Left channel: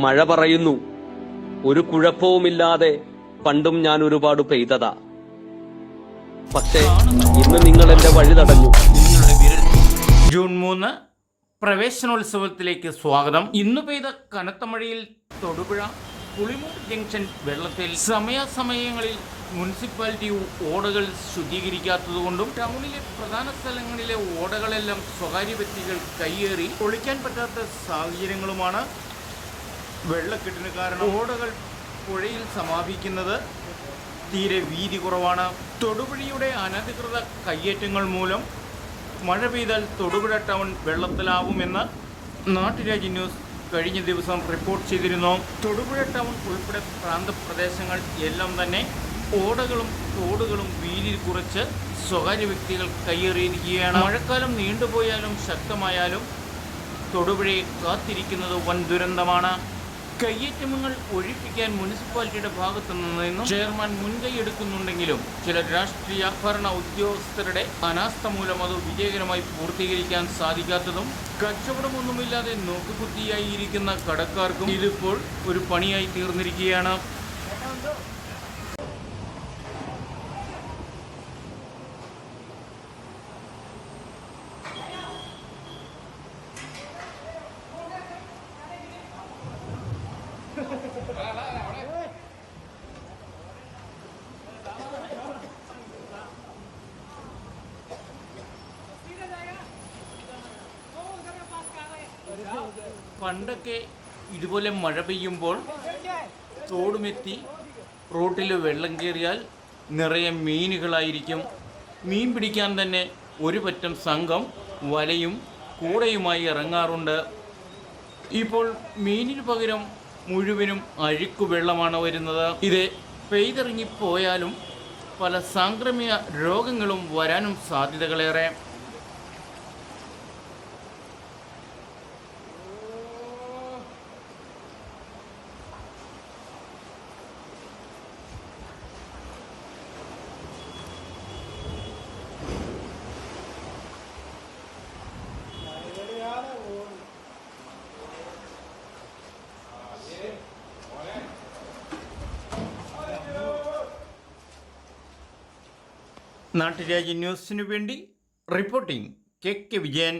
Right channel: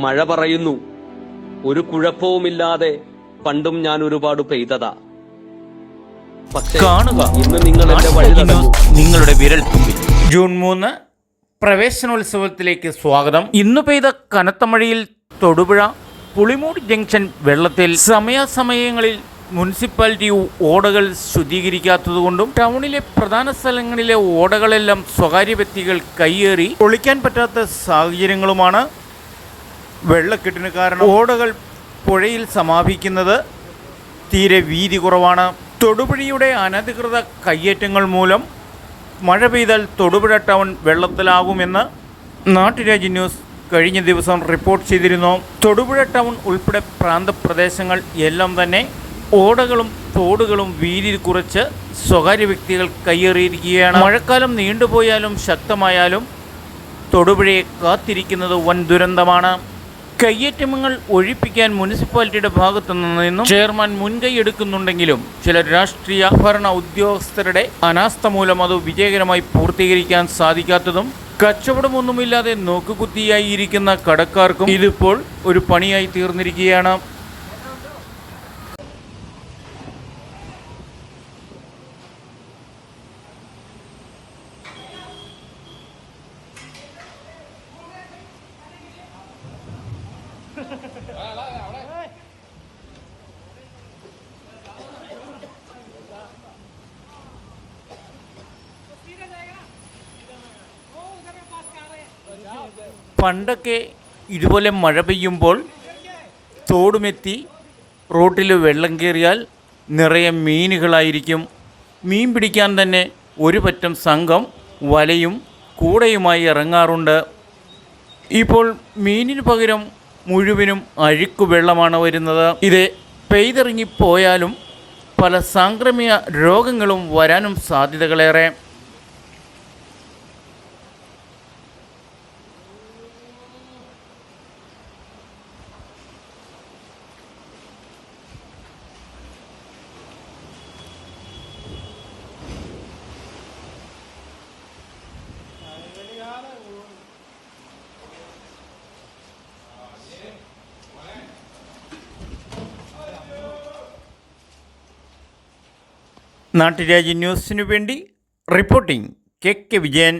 മഴ പറയുന്നു, ഒരു കുഴപ്പവുമില്ലാതെ പണ്ടും ഞാൻ ഒരുപാട് പെയ്തതാ. പക്ഷേ ഇന്ന് നിങ്ങൾ എന്റെ വഴി തടഞ്ഞു. നിങ്ങളുടെ വിരൽ തുമ്പിൽ. ജൂൺ 3 പ്രവേശനോത്സവത്തിലേക്ക് സ്വാഗതം. ഇന്ന് പെയ്ത കനത്ത മഴയിൽ തൊടുപുഴ പുളിമൂട് ജംഗ്ഷൻ വെള്ളത്തിൽ. സമയാസമയങ്ങളിൽ മുനിസിപ്പാലിറ്റി ഓടകൾ ശുദ്ധീകരിക്കാത്തതുകൊണ്ടും ടൗണിലെ പ്രധാന സ്ഥലങ്ങളിലെ ഓടകളെല്ലാം സ്വകാര്യ വ്യക്തികൾ കയ്യേറി പൊളിക്കാൻ പറ്റാത്ത സാഹചര്യങ്ങളുമാണ് വെള്ളക്കെട്ടിന് കാരണം. ഓടകൾ പുഴയിൽ സമാപിക്കുന്നത് തീരെ വീതി കുറവാണ്. തൊടുപുഴയുടെ അനധികൃത കയ്യേറ്റങ്ങൾ മൂലം മഴ പെയ്താൽ തൊടുപുഴ ടൗൺ വെള്ളത്തിലാകുമെന്ന് നാട്ടുരാജ്യ ന്യൂസ് കഴിഞ്ഞ ദിവസം റിപ്പോർട്ട് ചെയ്തിരുന്നു. തൊടുപുഴ ടൗൺ ഉൾപ്പെടെ പ്രാന്തപ്രദേശങ്ങൾ എല്ലാം തന്നെ ഓടകളും തോടുകളും വീതി കുറച്ച് സ്വകാര്യ വ്യക്തികൾ കയ്യേറിയിരിക്കുകയാണ്. മഴക്കാലം നീണ്ടുപോയാലും ശക്തമായാലും തൊടുപുഴയെ കാത്തിരിക്കുന്നത് വൻ ദുരന്തമാണ്. കയ്യേറ്റങ്ങൾ ഒഴിപ്പിക്കാൻ മുനിസിപ്പാലിറ്റിയുടെ ഭാഗത്തു നിന്നും ചെയർമാൻ മുൻകൈ എടുക്കുന്നുണ്ടെങ്കിലും ചില രാഷ്ട്രീയ ഭരണ ഉദ്യോഗസ്ഥരുടെ അനാസ്ഥ മൂലം അത് വിജയകരമായി പൂർത്തീകരിക്കാൻ സാധിക്കാത്തതും കച്ചവടമൊന്നുമില്ലാതെ നോക്കുകുത്തിയായി ഇരിക്കുന്ന കടക്കാർക്കും ഇതിപ്പോൾ ഒരു പണിയായി തീർന്നിരിക്കുകയാണ്. പണ്ടൊക്കെ ഇതുപോലെ മഴ പെയ്യുമ്പോൾ തോടുമെത്തി റോട്ടിൽ വെള്ളം കയറിയാൽ നിറയെ മീനുകളായിരിക്കും. മീൻ പിടിക്കാൻ തന്നെ ഒരു പറ്റം സംഘം വലയും കൂടയുമായി ഇറങ്ങാറുണ്ട്. ഇപ്പോൾ മീനിന് പകരം മുഴുവനും അഴുക്കു വെള്ളമാണ് വരുന്നത്. ഇത് പെയ്തിറങ്ങിപ്പോയാലും പല സാംക്രമിക രോഗങ്ങളും വരാനും സാധ്യതകളേറെ. നാട്ടുരാജ്യ ന്യൂസിനു വേണ്ടി റിപ്പോർട്ടിംഗ് കെ വിജയൻ.